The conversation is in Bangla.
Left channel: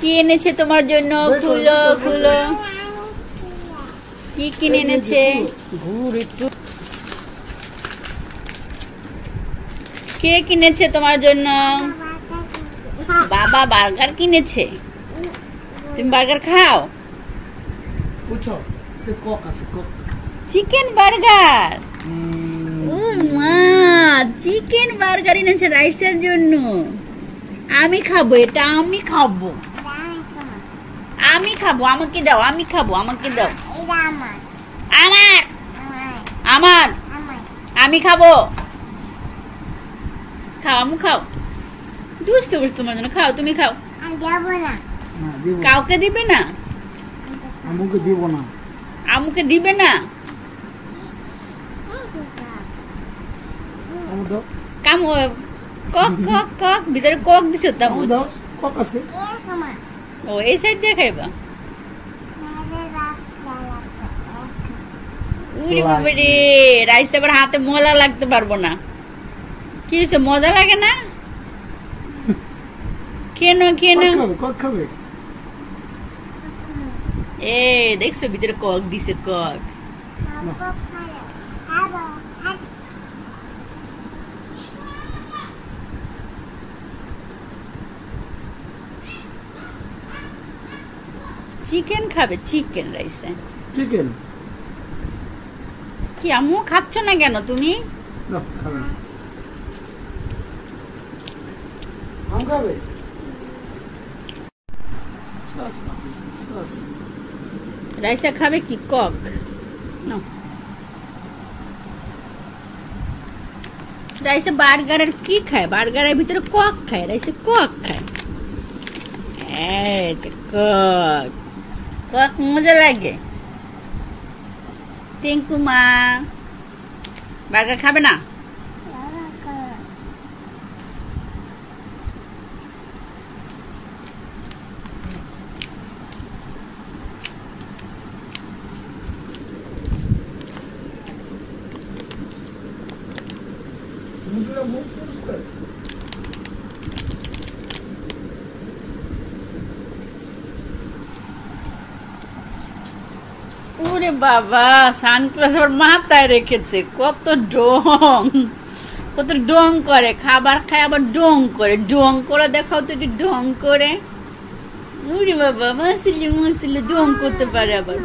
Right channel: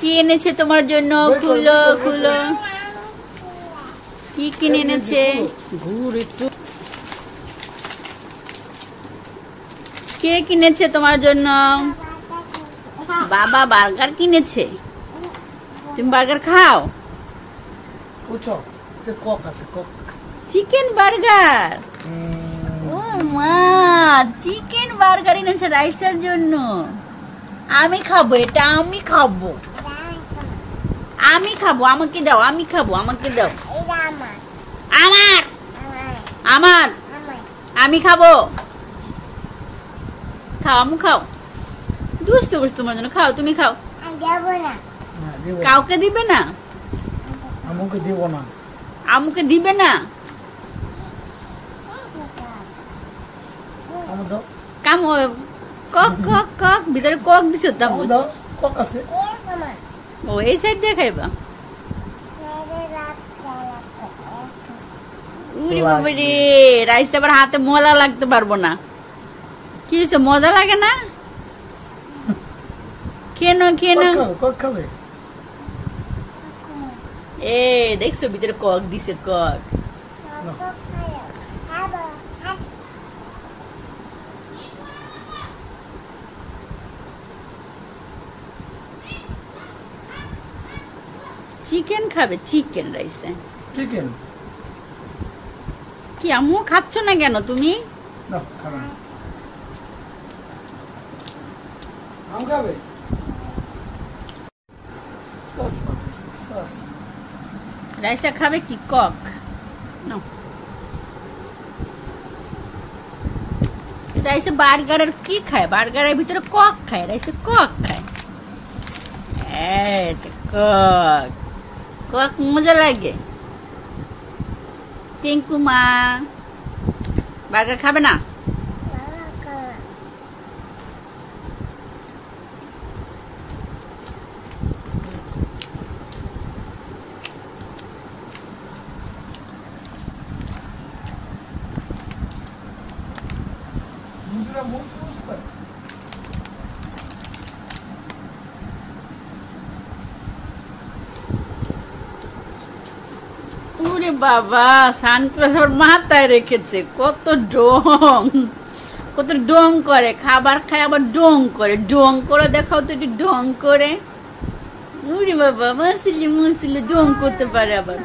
কি এনেছে তোমার জন্য? খুলো খুলো, কি কিনে এনেছে? ঘুর একটু। কে কিনেছে তোমার জন্য? বাবা বার্গার কিনেছে। তুমি বার্গার খাও? Chicken burger. ও মা, চিকেন বার্গার এনেছে রাইসের জন্য। আমি খাবো এটা, আমি খাবো, আমি খাবো, আমাকে দাও, আমি খাবো, আমাকে দাও। আমার আমার আমি খাবো। খাও, আমু খাও। দুষ্টু বুঝ তোমার জন্য, খাও, তুমি খাও। কাউকে দিবে না? আমুকে দিব না। আমুকে দিবে না? কাম কক কক কক, ভিতরে কক দিছো তো? কক আছে। ও এই সাইড দিয়ে খাইবা? উরে বাবা রে, রাইস আবার হাতে মলা লাগতে পারবো না। কি হয়েছে, মজা লাগে না? কেন কেন? এ দেখছো ভিতরে কক দিছে, কক। চিকেন খাবে? চিকেন রাইসে চিকেন কি? আম্মু খাচ্ছ না কেন তুমি? রাইসা খাবে কি? কক নাও। রাইসে বার্গারের কি খায়? বার্গারের ভিতরে কক খায়, রাইসে কক খায়। কক কক মজা লাগে। টিঙ্কু মা বার্গার খাবে না? ওরে বাবা, সানগ্লাস আবার মাথায় রেখেছে। কত ডং, কত ডং করে। খাবার খায় আবার ডং করে। ডং করে দেখাও তো, একটু ডং করে। ওরে বাবা, মাসিলি মাসিলি ডং করতে পারে আবার।